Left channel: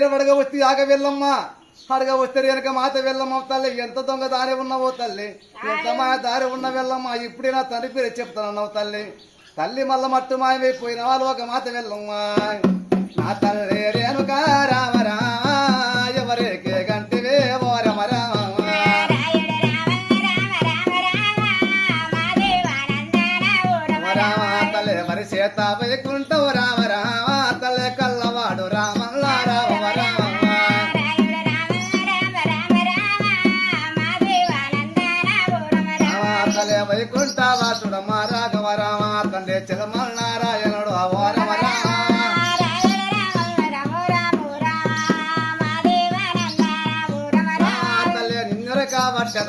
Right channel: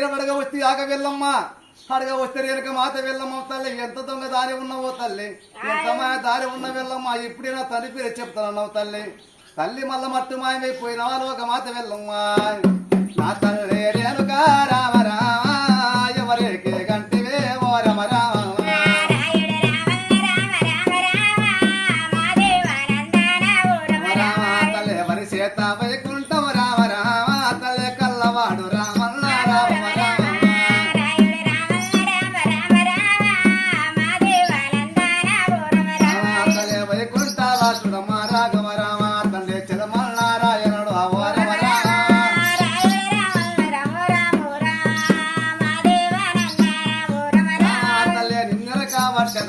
ఏరవడగా వస్తే ఆగ వెళ్ళమ్మ అడగ వస్తే వెనక మాత వెళ్ళమ్మ తల్లి ఎంత దొంగ దారి ఉన్నావో తల్లి ఎంత మాయ దారి ఉన్న వెళ్ళమ్మ ఇప్పుడే నా తల్లి పేరు చెప్తానన్నావు తల్లి తల్లి మల్ల మట్టు మాయమైపోయిన వాళ్ళు ఒక మాత వెళ్ళమ్మ నా తల్లి రేణుక రామరా ఎవరికి గంటివే ఓ రమరా తల్లి మరి చేత వైకుంఠం రామరా తల్లి కల్లవాడు రామల్ల రామ తల్లి వైకుంఠవాసుడమ్మ రాఘవ రామ తండ్రి చిలమల్నారాయణుడు ఓ రమ తల్లి నిన్నర కాబట్టి